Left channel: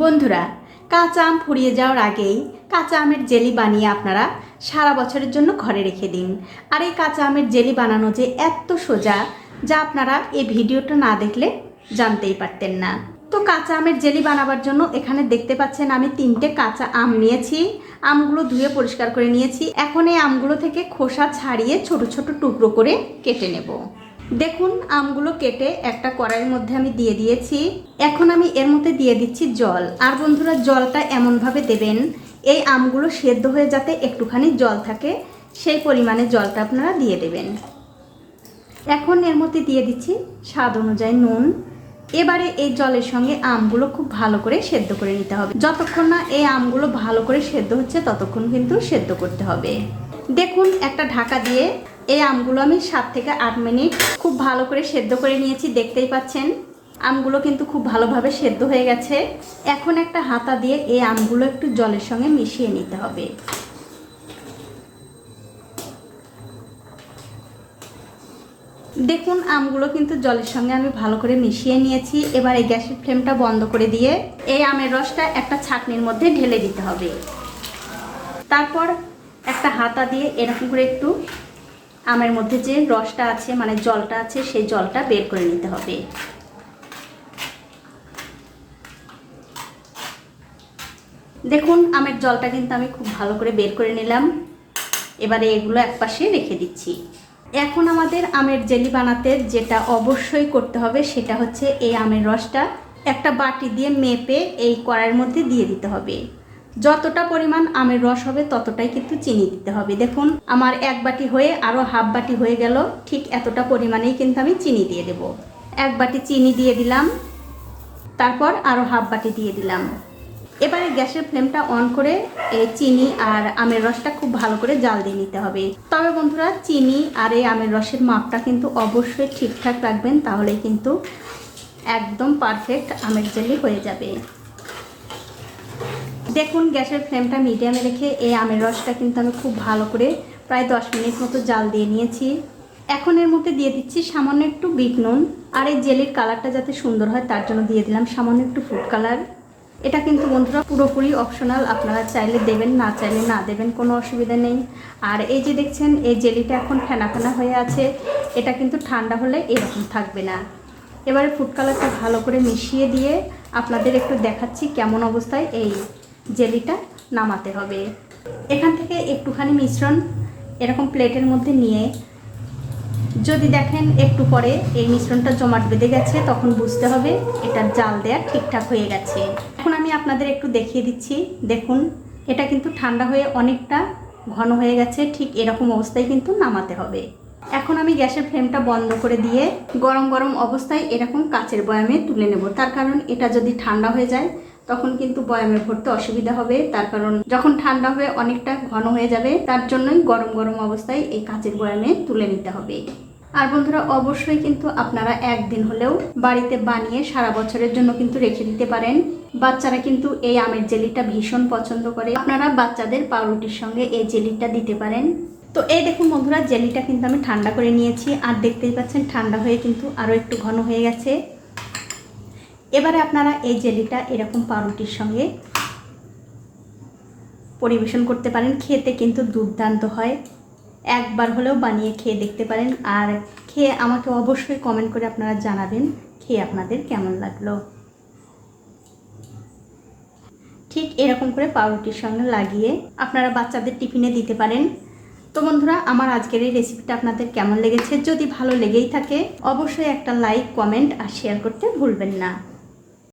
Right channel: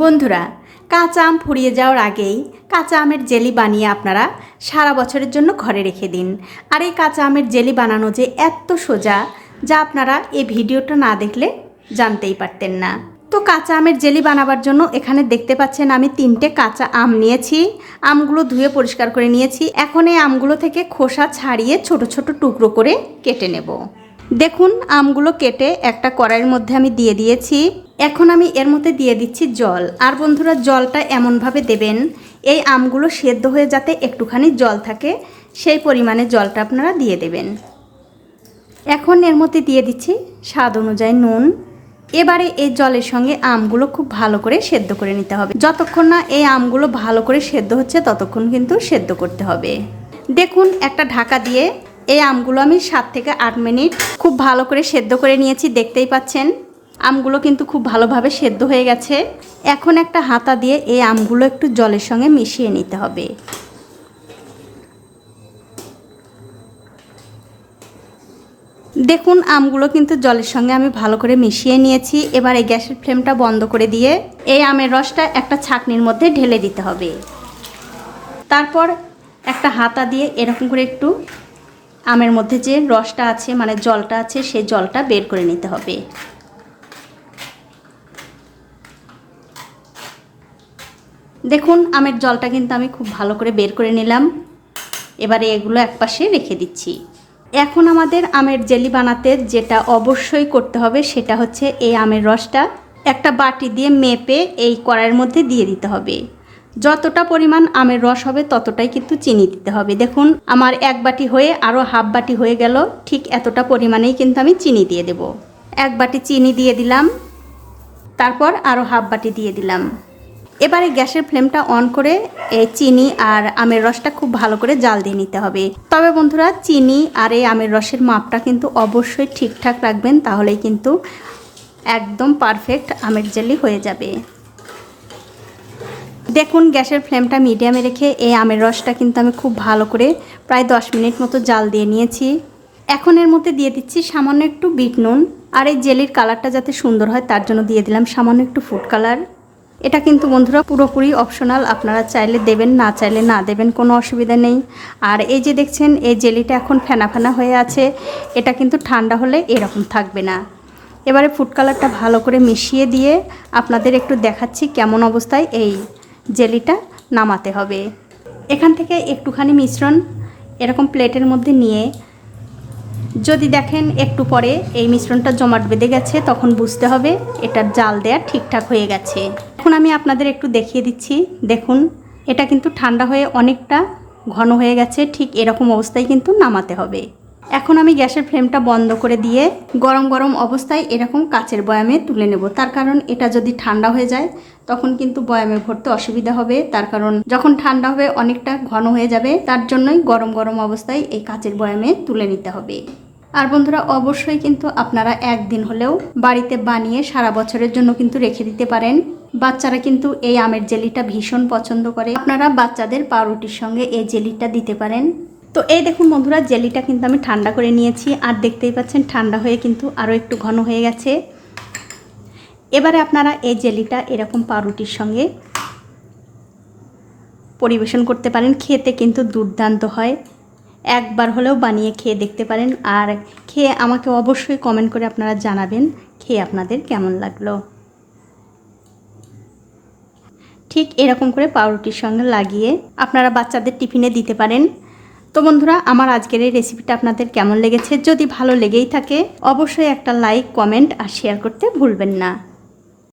বন্ধুরা, কাঁচা আম ফুরিয়ে যাওয়ার আগেই কাঁচা আমের জেলি বানিয়ে আপনারা সারা বছরের জন্য ঘরে রেখে দিন। আর এই কাঁচা আমের জেলি বানানো যে এত সোজা, যা আপনারা এই ভিডিওটা না দেখলে জানতেই পারতেন না। তো কাঁচা আমের জেলি বানাবার জন্য এখানে দেখতে পাচ্ছেন আমি তিনটে কাঁচা আম নিয়েছি। আমগুলো ধুয়ে পরিষ্কার করে নিয়েছি। এখন এই আমগুলো থেকে খোসা ছাড়িয়ে ছোট ছোট টুকরো করে কেটে নেব। দেখুন, আমগুলো কেটে একটা কড়াইয়ের মধ্যে আমি দিয়ে দিয়েছি। এখন আমি এর মধ্যে দিয়ে দিচ্ছি জল। আর বন্ধুরা, জলটা এমনভাবে দেবেন, এই আমগুলো সেদ্ধ হয়ে যাতে একটুখানি জল থাকে, সেই পরিমাণে জলটা আপনারা দিয়ে দেবেন। এখন এর মধ্যে দিয়ে দিচ্ছি স্বাদ অনুযায়ী নুন। এবারে এই জলের সঙ্গে আমগুলো খুব ভালো করে সেদ্ধ করে নিতে হবে। যতক্ষণ না এই আমগুলো ভালো করে সেদ্ধ হচ্ছে, ততক্ষণ কিন্তু সেদ্ধ করতে হবে। দেখুন, একটা ঢাকা দিয়ে এই আমগুলো আমি সাত থেকে আট মিনিট খুব ভালো করে সেদ্ধ করে নিয়েছি, দেখতেই পাচ্ছেন। আমগুলো কিন্তু খুব ভালোভাবে সেদ্ধ হয়ে গেছে। এখন একটা হাতা দিয়ে এই আমগুলো একটু জলের সঙ্গে মিশিয়ে নিতে হবে। দেখুন, আমগুলো কিন্তু জলের সঙ্গে আমি ভালো করে মিশিয়ে নিয়েছি। এবার এই গ্যাসের ফ্লেমটা বন্ধ করে দিয়ে এই আমের রসটা একটা ছাকনির মধ্যে ঢেলে দিতে হবে। তারপর একটা হাতা দিয়ে এরকম করে একটু আমের মধ্যে যে রসটা আছে মানে জলটা আছে, সেই জলটা বের করে নিতে হবে। দেখুন, আমের জলটা কিন্তু আমি খুব ভালো করে বের করে নিলাম। এবারে এগুলো একপাশে রেখে দিচ্ছি। এখন আমাদের আমের জেলি বানাতে যেটা অবশ্যই করতে হবে, সেটা হচ্ছে এই আমের রসটা একটা বাটি দিয়ে মেপে এই কড়াইয়ের মধ্যে দিয়ে দিতে হবে। যতটা পরিমাণ আমের রস হবে ততটাই কিন্তু চিনি দিতে হবে। দেখুন, আমার এক বাটি হয়ে আরও হাফ বাটি হয়ে গেল। ঠিক এতটা পরিমাণেই কিন্তু আমি চিনি দিয়ে দেব। এক বাটি চিনি দিয়ে দিলাম। তারপর আরও হাফ বাটি দিয়ে দিলাম। এবারে গ্যাসের ফ্লেমটা অন করে এই চিনি আর আমের রসটা খুব ভালো করে জাল দিয়ে নিতে হবে। তবে বন্ধুরা, চিনি আর এই আমের রসের মাপটা কিন্তু অবশ্যই ঠিকঠাক রাখবেন, তাহলেই কিন্তু একদম পারফেক্ট আমের জেলি হয়ে যাবে। দেখুন, গ্যাসের ফ্লেমটা মিডিয়ামে রেখে এই আমের রসটা কিন্তু আমি খুব ভালো করে প্রায় দশ মিনিট মতো জাল দিয়ে নিয়েছি। এখন এর মধ্যে দিয়ে দিচ্ছি সামান্য একটু বিট নুন আর এই জেলির কালারটা যাতে সুন্দর হয় তার জন্য দিয়ে দিলাম সামান্য একটু ফুড কালার। এটা কিন্তু বন্ধুরা পুরোপুরি অপশনাল, আপনারা চাইলে দেবেন, না চাইলে না দেবেন, কোনো অসুবিধা নেই। আর এই যে দেখছেন, এই জেলিটা এখন ফেনা ফেনা হয়ে আছে, এটা কিন্তু ঠান্ডা হলে এরকম থাকবে না। এবারে ফুড কালারটা ভালো করে মিশিয়ে দিয়ে আপনাদের একটু দেখাচ্ছি কেমন অবস্থায় এই জেলিটা নামাতে হবে। এখান থেকে একটুখানি মিশ্রণ এরকম প্লেটের মধ্যে নিয়ে, যদি দেখেন একটু পরে এই মিশ্রণটা জমাট বেঁধে গেছে, তখন বুঝতে হবে এটার জাল দেয়া ঠিকঠাক হয়ে গেছে। এখন আমি আপনাদের একটু দেখিয়ে দিচ্ছি। দেখুন, এটা কিন্তু ঠান্ডা হয়ে অনেকটা ঘন হয়ে গেছে, ঠিক এরকম অবস্থায় কিন্তু নামাতে হবে। এখন আমি গ্যাসের ফ্লেমটা বন্ধ করে দিয়ে গরম গরম অবস্থায় এরকম কাচের বয়ামে তুলে নেব। তার কারণ এটা যদি ঠান্ডা হয়ে যায়, তখন কিন্তু বয়ামে ভরতে অসুবিধা হবে। তার কারণ যখন ঠান্ডা হবে, অনেকটা ঘন হয়ে যাবে। তার জন্যই গরম গরম অবস্থায় এই কাচের বয়ামে তুলে নিতে হবে। আর বন্ধুরা, অবশ্যই কিন্তু আপনারা একদিন হলেও বাড়িতে বানিয়ে সারা বছরের জন্য কিন্তু রেখে দিতে পারেন। বাচ্চারা কিন্তু এই আমের জেলিটা ভীষণ পছন্দ করে। আপনারা বাচ্চাদের পাউরুটির সঙ্গে এই জেলিটা দিতে পারেন। তো এই দেখুন বন্ধুরা, জেলিটা কিন্তু আমি ঠান্ডা করে নিয়েছি আর দেখতেই পাচ্ছেন ঠান্ডা হয়ে কিন্তু আরও একটু ঘন হয়ে গেছে। এবারে আপনারা এই জেলিটা এরকম পাউরুটির সঙ্গে পরিবেশন করতে পারেন। খেতে কিন্তু দুর্দান্ত হয়। একবার হলেও বানিয়ে খেয়ে দেখতে পারেন আর খেয়ে আমাকে অবশ্যই কমেন্ট করে আপনারা জানাবেন খেয়ে আপনাদের কেমন লাগল। ঠিক এরকম করে পাউরুটির সঙ্গে লাগিয়ে আপনারা বাচ্চাদের টিফিনে দিতে পারেন। তো বন্ধুরা, আমার আজকের এই রেসিপিটা আপনাদের কেমন লেগেছে? যদি ভালো লেগেই থাকে, অবশ্যই একটা লাইক কমেন্ট আর শেয়ার করতে ভুলবেন না।